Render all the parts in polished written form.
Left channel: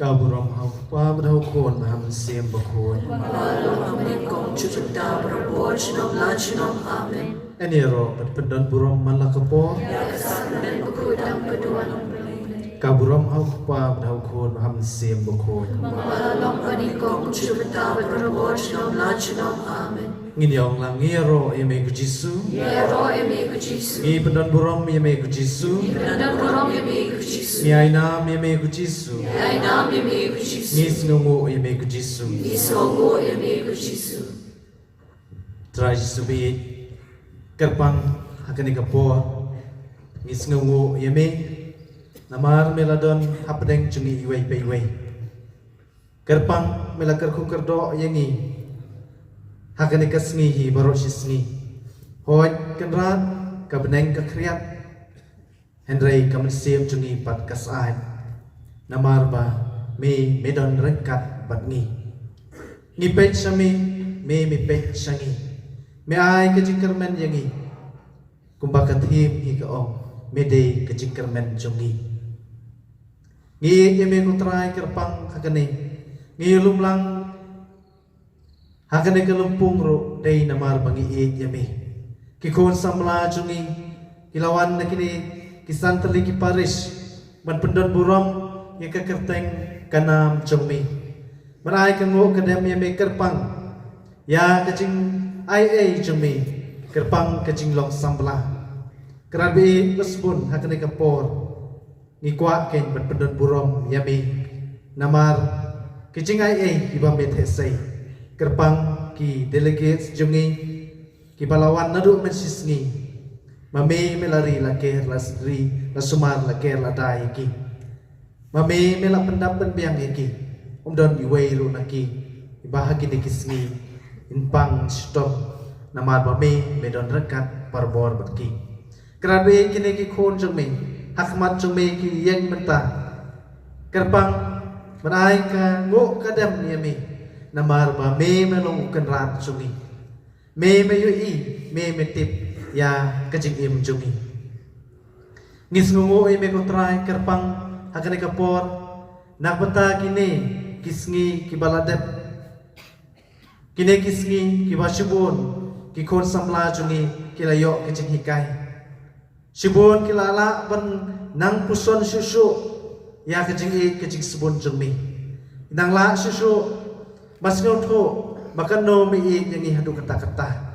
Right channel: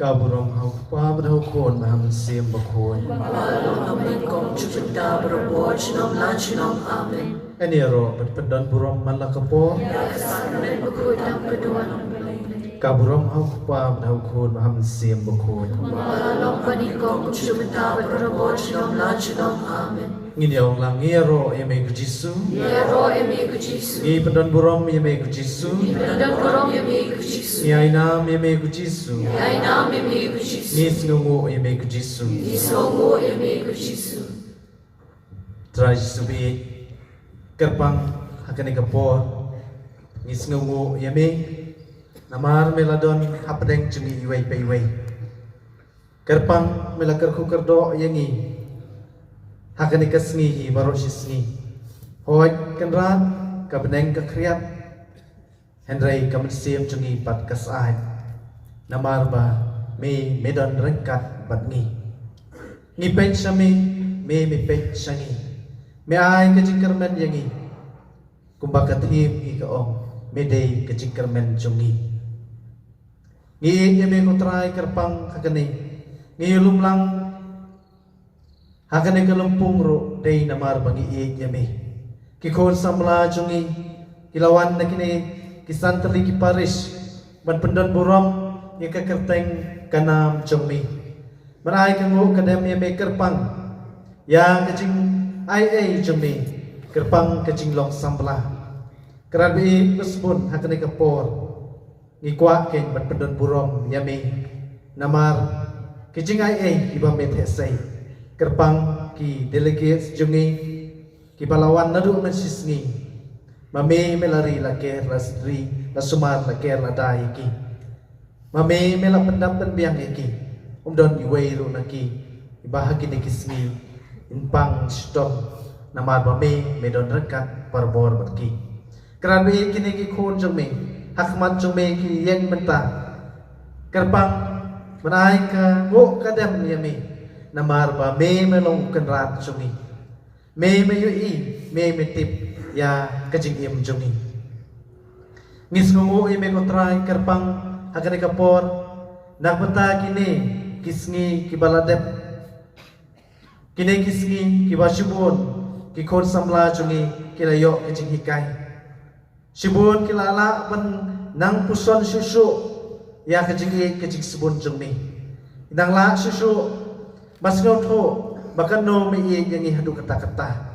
Kaburam hapa berhukun ham sim berhukun. Eniro berpedan buram malakapo. Kaburam hapa berhukun ham sim berhukun. Nginyong lang ngiro yame kujisu. Ngi pedan buram yame kujisu. Ngi ainam yame kujisu. Ngi sinungu yame kujisu. Trajisu bi kerpang hakani kapor. Ngi sinungu yame namar meladon hapdeng cungi iway payway. Kerpang melakar kukerdo yangi. Hakani kasngihi baru sisngi. Hoy kenrat kabneng kakriat. Hendrai kamesim cungi pat kasai. Namar ba me medon rengkat batngi. Ngi pech sami me pech sangi. Me ai kejingkermen yangi. Kumbakatim hi kaong me dei kejingkermen cungi. Ngi yeme kutrai kerpang hakani. Ngi lumlang hakane kalumpung ro day namar bangi iit yame. Kikon samla cungi kilawan na kini kisantali ki Paris man pendan buram ya kakerteng kanam cungi. Marai kangu kadem yame kerpang ya kacing ai cungi kerpang kacing long samla. Kerabi kuspun hakane kapor ngikuak ken man pendan buram yame namar kacing ai ibam methesai. Kerpang ki delegates jungi ki palawan nadu mensisngi mame melari la ker la sri la sumar la ker la dai ki mame mela pendap dan biang ki umdon iwei ru naki ibahagi ni kisni inpang stop namar mame medon rekat parbor batki kerabe kini ki khon jumi hakmat jumi ki yen menta kerpang menai ka ngo kadam yami namar ba me melong kenrat cungi me yui me tip ya kajing im cungi ngis ngungu me kotrai kerpang hakane kapor nakbenta kini kisngi kibaladat kini kisngi kibashubun kikon samla cungi kilayo kajing hikai shibun kilala ban nang puson susu ya kajing subun cungi Inang la susu mas ngotho bahkan no mi yang ni hadu kata-kata.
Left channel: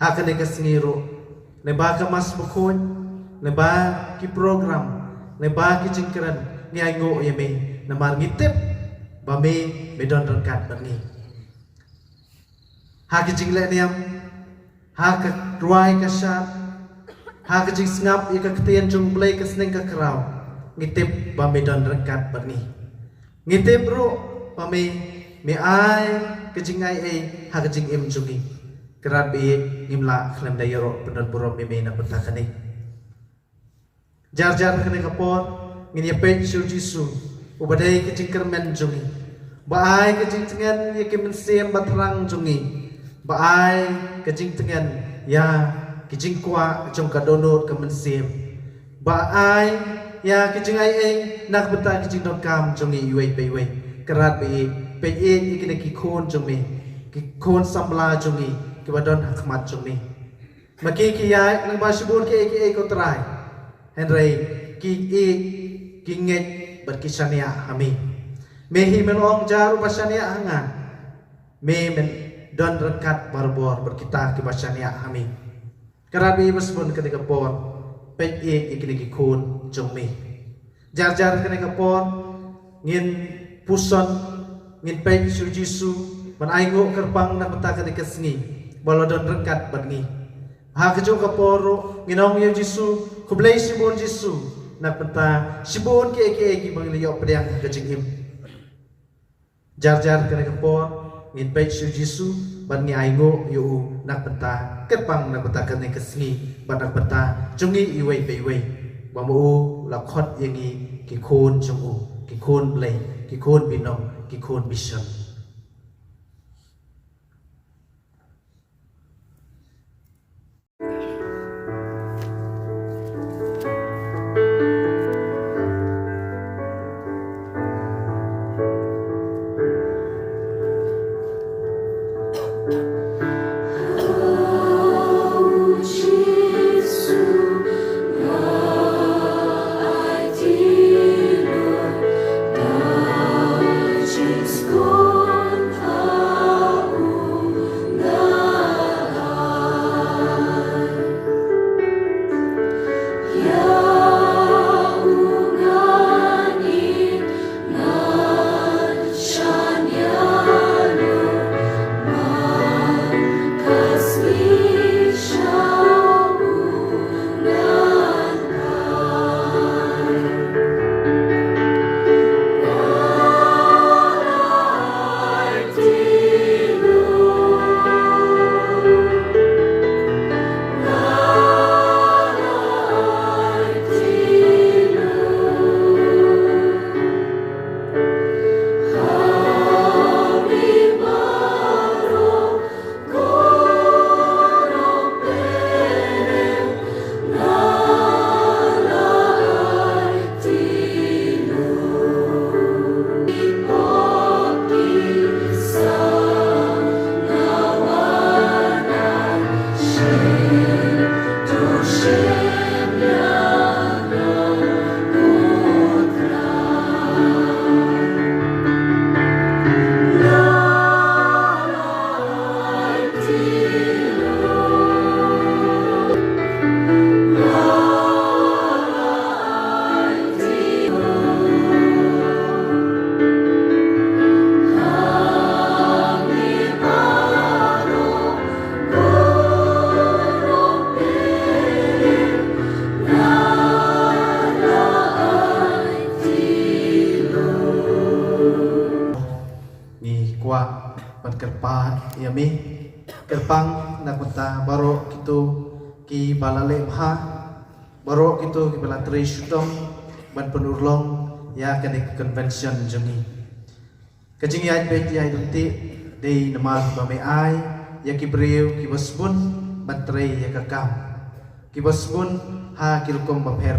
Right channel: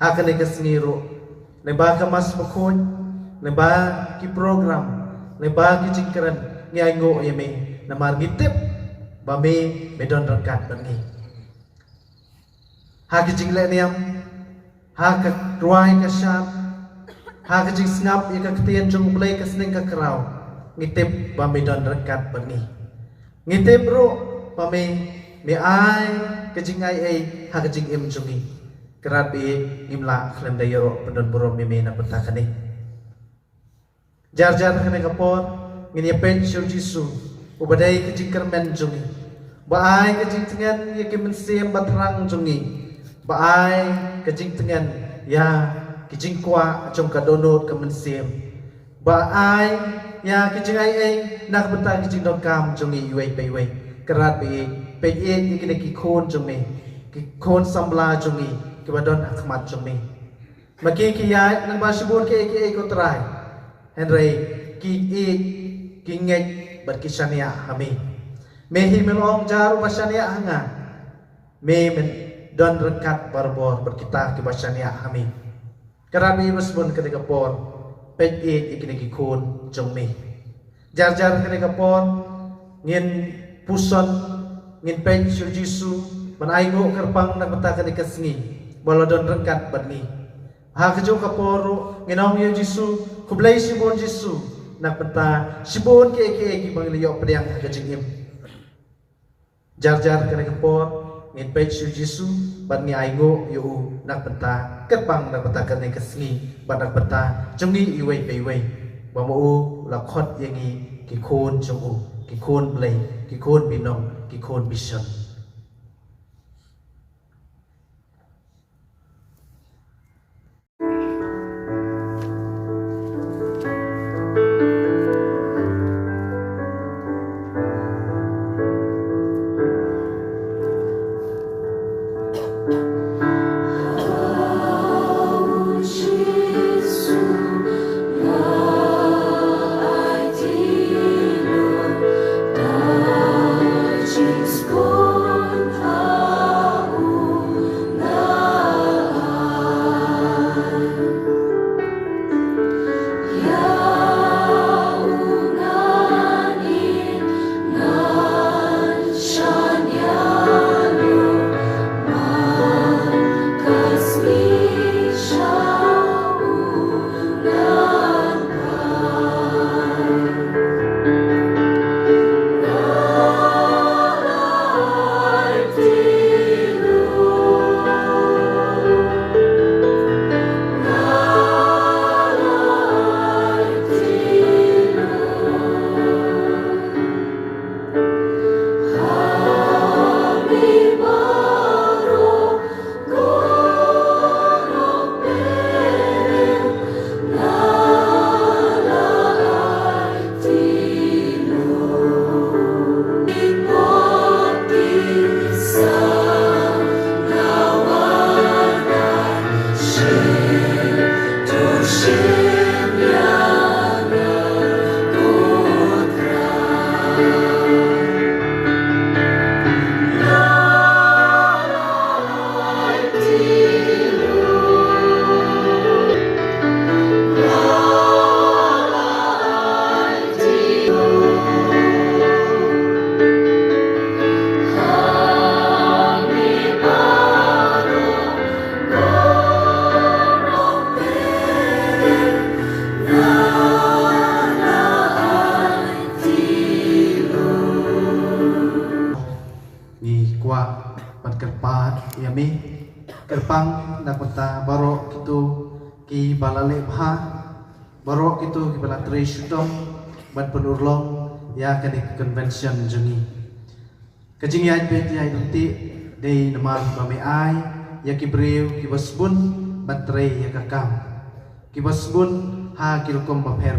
Hakan ke sengiru. Neba ke mas makun, neba ki program, neba ki jingkran ni aingo yeme namar ngitip bame medon rangkat bengi. Ha ki jingle niam, ha ke ruai ke syat, ha ke jing sengap ika ketian jung play ke seneng ke kerau, ngitip bame don rangkat bengi. Ngitip ro bame me ai ke jing ai ha ke jing im jungi. Kerat bi ngimla khlan dayro pendon burom meme na pentakani. Jar-jar kene kapor ngin yepen syu jisu ubadai ke jingker men jungi. Baai ke jing tengan ye ke mensem batrang jungi. Baai ke jing tengan ya ke jing kwa jong ka donot ke mensem. Baai ya ke jing ai nak beta ke jing dot kam jungi yuai pe wei. Kerat bi pe ye ke ki khon jungi. Ki khon sambla jungi. Kibadon akhmat jumi. Maki kiyai nang masibun ke try. Henry ki nget berkisania kami. Mehi melong jaru basania hanga. Me men don rekat barbor berkita ki basania kami. Karabi rusbun ketika por pet ikini ki kun jumi. Jar-jar ketika por ngin puson ngin pet sujisu manaigo kerpang na beta ketika sengi. Balodon rengkat bengi. Ha kejo kaporo nginong yo Jisu, kublai sibon Jisu. Nak penta sibon ke ki mangliyo pedang kejing im. Jar-jar kene kapor ngin page yo Jisu ban ngi aingo yo nak penta ketpang nak penta kene kesngi ban nak penta jungi iwei pe wei. Bamu la khot yangi ki khon jungu, ki khon blai, ki khon binom, ki khon mission. Kerpang nak peta barok gitu ki balale bha barok gitu ki bala trishudam ban penurlong ya kene convention jeni kejing ya pet ya inti dei nama bame ai ya ki breu ki basbun batrei ya kakam ki basbun ha ki kom bapher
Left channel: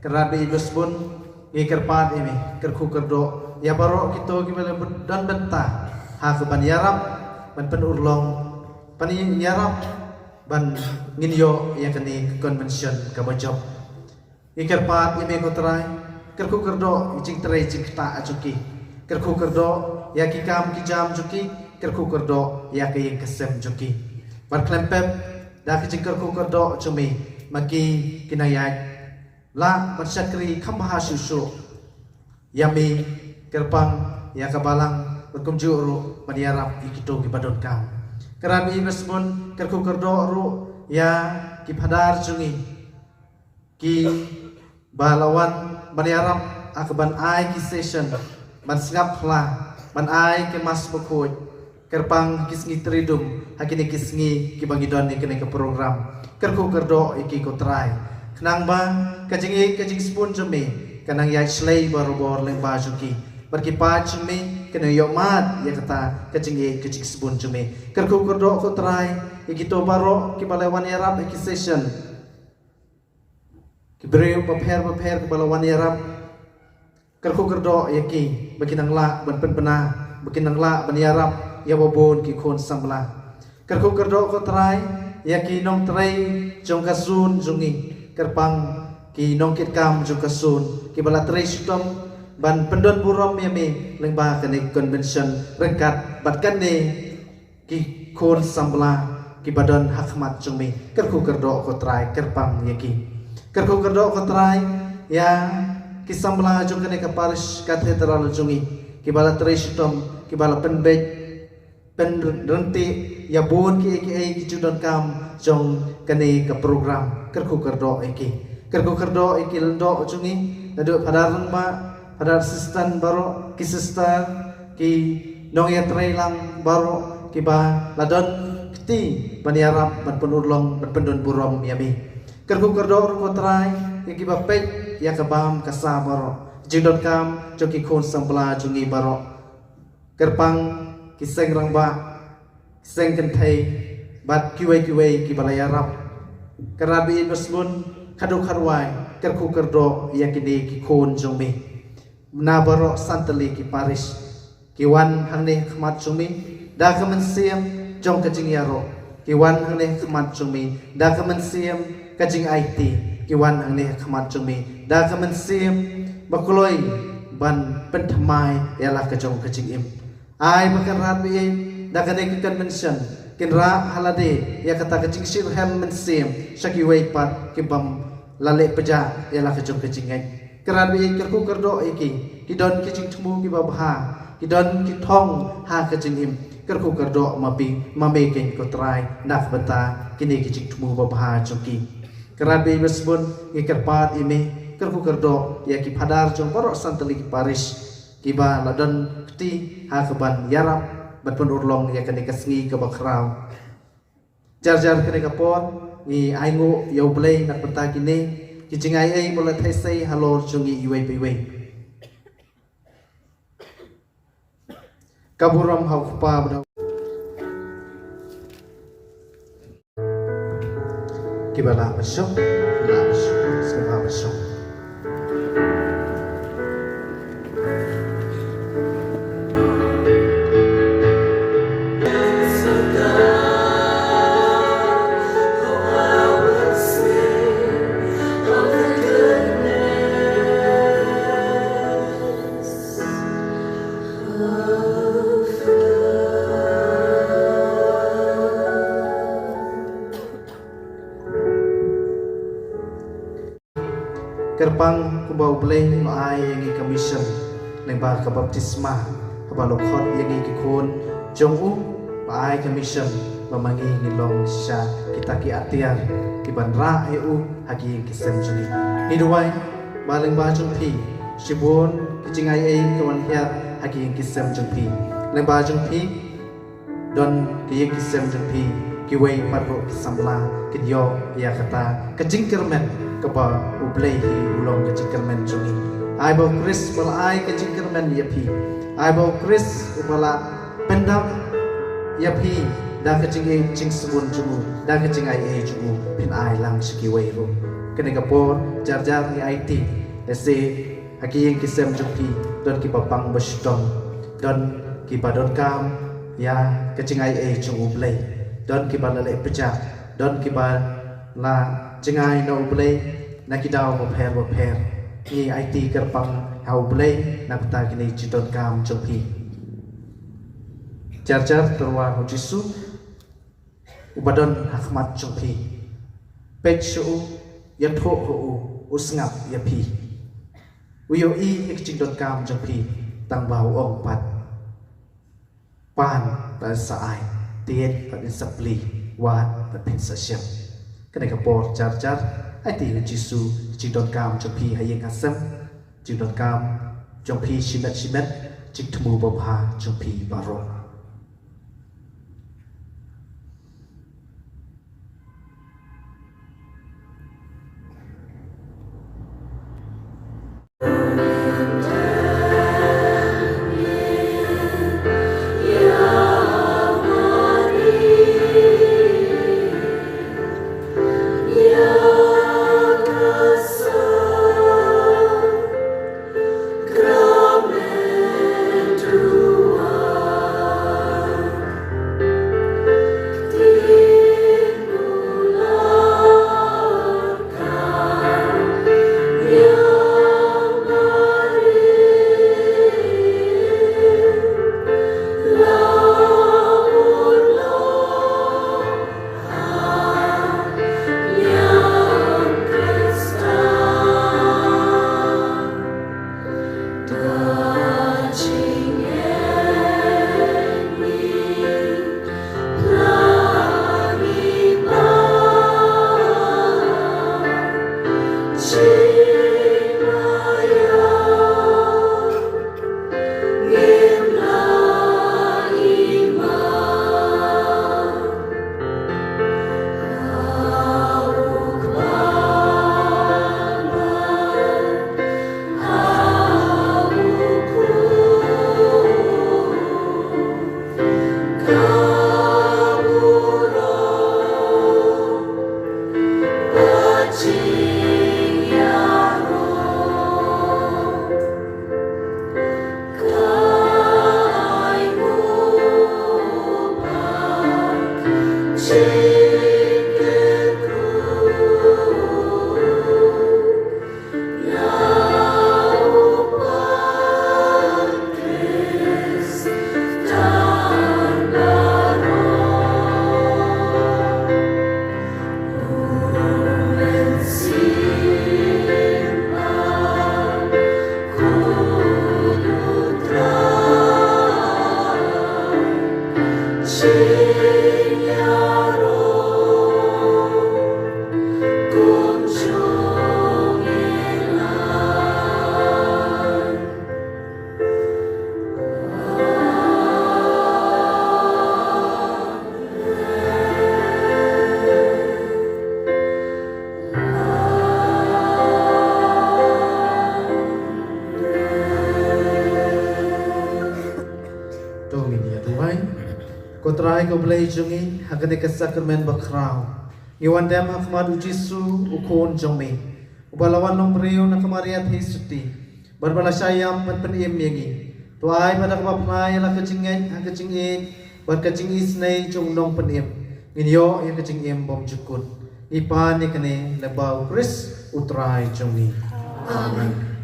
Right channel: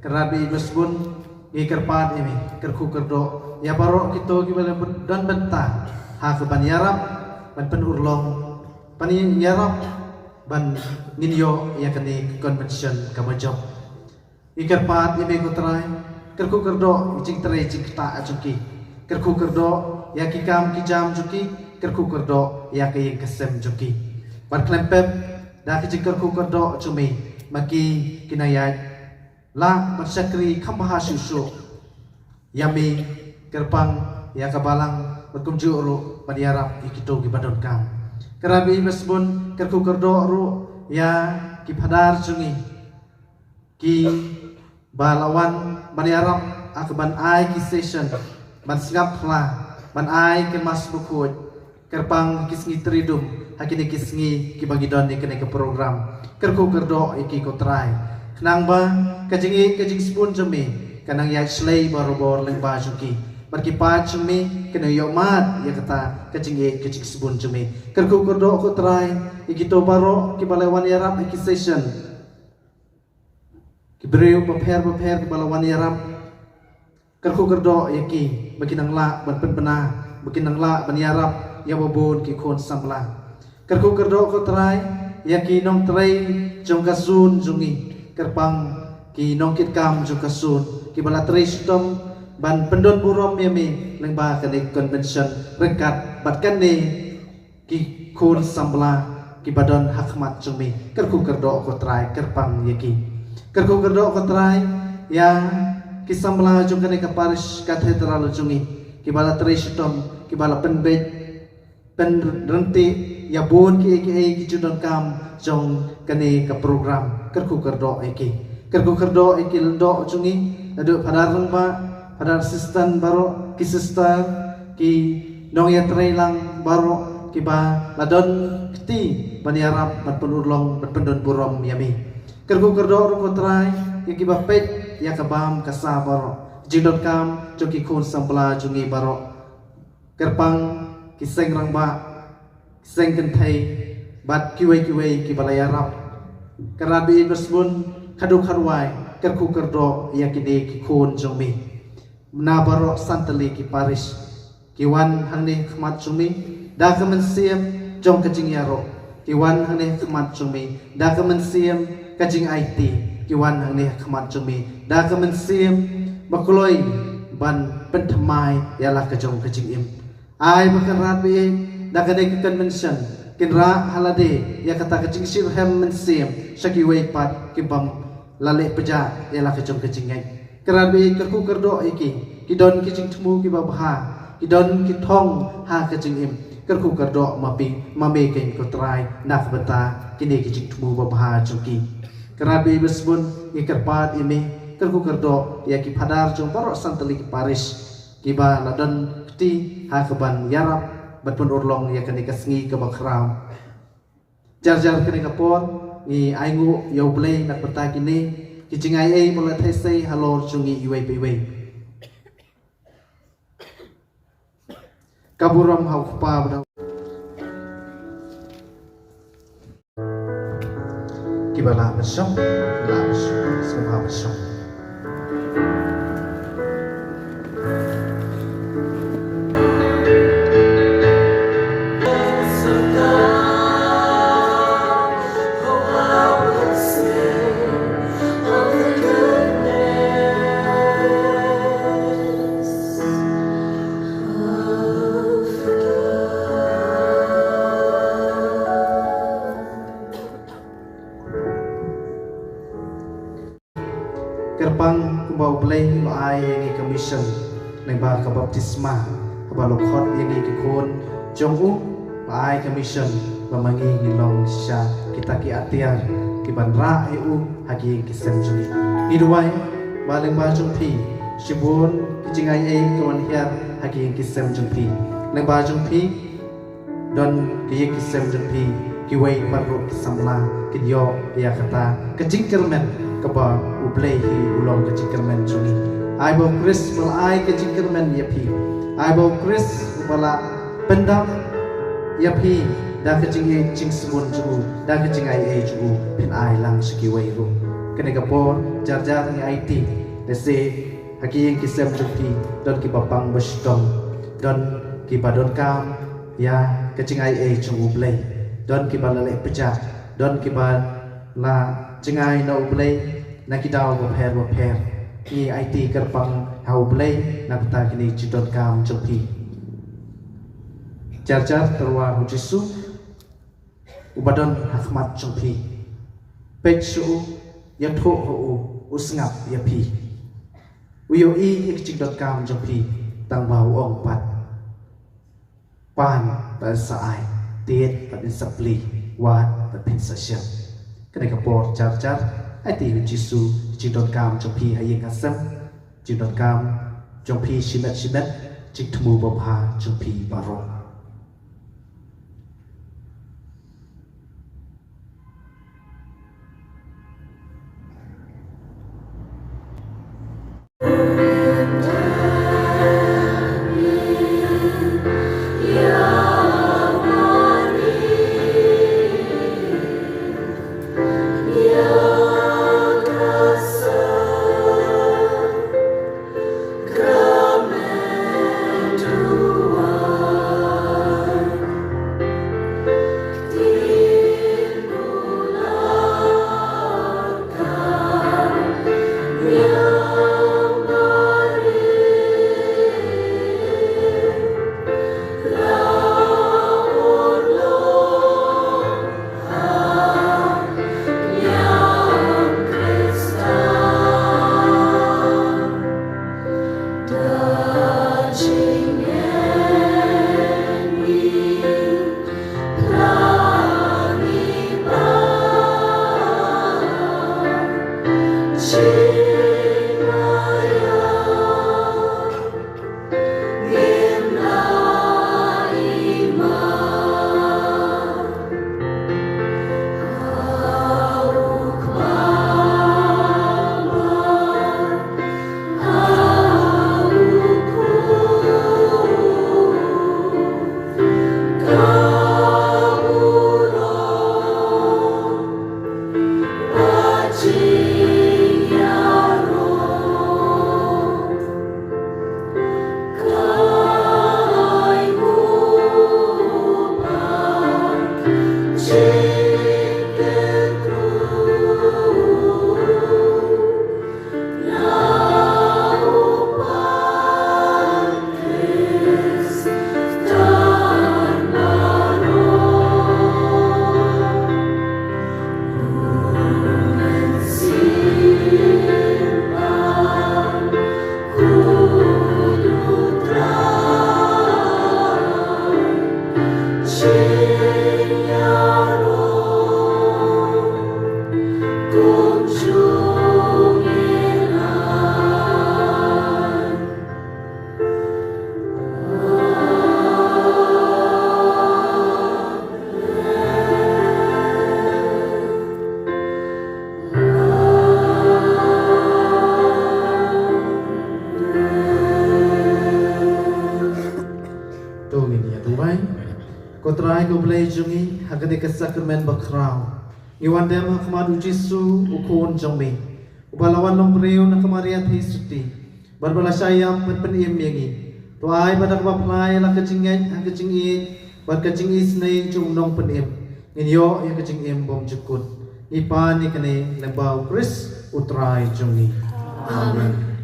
kerabi basbun i kerpat ini kerku kerdo ya barok gitu ki bala dan benta ha ke ban yaram ban penurlong pani yarap ban nginyo ya kani convention kabajob iker pat yeme kutrai kerku kerdo jing trai jing ta acuki kerku kerdo ya ki kam ki jam juki kerku kerdo ya ki kesem juki bar klempep da ki kerku kerdo cumi maki kinayat la bersyakri kambah susu yami kerpang ya kabalang berkumju ru badiarap ikito ki badon kam kerabi mesbun kerku kerdo ru ya ki padar cungi ki balawan badiarap akaban ai ki session ban segap lah ban ai ke mas bukut kerpang kisngi tridum hakini kisngi ki bangidon ni kene ke program kerku kerdo iki ko try kenang ba kajing spoon jumi kanang ya slay bor leng ba juki berkipat jumi kena yomat ya kata kajing spoon jumi kerku kerdo ko try iki to baro ki balawan yarap iki session ki breu prepare ki balawan yarap kerku kerdo yaki bakinang la berpenpena bakinang la baniarap ya babon ki kon sambla kerku kerdo ko try yaki nong try jong kasun jungi kerpang ki nong kit kam jong kasun ki bala try sitom ban pendon burom yami lengba kane convention rekat batkan ne ki kon sambla ki badan hakmat jumi kerku kerdo ko try kerpang yaki kerku kerdo ko try ya kisam bela juga ni kaparis katedral jungi kibala tresitom kibala penbej penrenti ya bon ki ki judon kam jong kani ka program kerku kerdo iki lendo jungi adu padarang ba padar sistan baro ki sister ki nong ya trailang baro kiba ladon kti baniarap ban penulong ban pendon burom yami kerku kerdo ru trai kiba pej ya kabam kasabaro jidot kam joki kon sampla jungi baro kerpang kiseng rangba kiseng kentai bat kiwe ki balaya rap kerabi mesbun kadu karwai kerku kerdo ya kini ki kon jumi na baro santali ki paris kiwan hane khmat jumi da kamen siam jong kajing yaro kiwan hane khmat jumi da kamen siam kajing IT kiwan hane khmat jumi da kamen siam bakuloi ban pentamai ialah kajong kajing im ai makarat bi da kane convention kinra halade ya kata kajing sirhem mensim syaki wei pat kibam lale peja ialah kajong kajing ai kerabi kerku kerdo iki kidon kajing temu kibabha kidon kitong ha kajing im kerku kerdo mapi mame ken ko try nak beta kini kajing temu babha joki kerabi besbun ikerpat ini kerku kerdo ya ki padar jong baro santali ki paris kiba ladon kti ha keban yarap batpun urlong ya kene kasngi ke bakrau jar kene kapor ni aingu yo blei nak peta kini kijingai ai mola thai halor chungi iwei biwei kaburam hau pa badang kibala bersam las semua bersam kerpang kubau blay lo ai yang commission neng ba ka baptisma ba lo khot yang ikon jong u ba ai commission memangi ngilong sya kita ki atiar ki banra eu hagi ki semjuni ni duai ba leng ba jong pi shibun ki jingai ai kon hiat hagi ki semjuni leng ba jong pi don ki ki semjuni ki wei parro ki samla ki yo ya kata kejingkermen kaba ublei hi ulong kejingkermen jungi ai bo kris bal ai kejingkermen yapi ai bo kris ubala pendam yapi da kejing jing subun jugu da kejing ai jugu pin ai lang ski wei ru kene kapor jar ni IT dese haki yang kisem jupi don ki bapang bestom don ki badon kam ya kejing ai jugu blei don ki balale peja don ki bal la jengai na ublei na kidau bapher ni IT kerpang hau blay napta kini cidon kam jelpi jar terwa hujisu ubadon hakmat jelpi pechu yatho ho usngap yapi uyo i cidon kam jelpi tang bau ong pat pan ta saai tiet ta bin sapli wat ta bin sasyam kene kapor jar ai ti hujisu cidon kam jelpi hayeng hasam cidon kam jelpi shimet cik temu bapa jelpi barok Kotrai ko blay jungi hagade kasakramen bakrao. Iwan dem hakmad ujisu ukon jombe. Ubalawan nombreo na kamariat hisuti. Barbala sayam berpeniem yengi. Tuai pada kawaplay la kacingin bar kacing isnay jung nong peniem. Minyo yang kacingin bom jukut. Ipan ni kane lebau kris utrai jungi. Amen.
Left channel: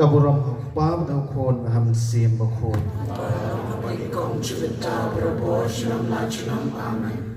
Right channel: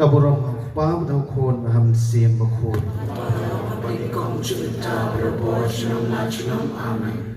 kaburam akpam dang khon ham sim bakhon bagi kong cerita berbuat senang lajunam amin.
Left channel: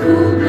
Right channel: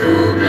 Ku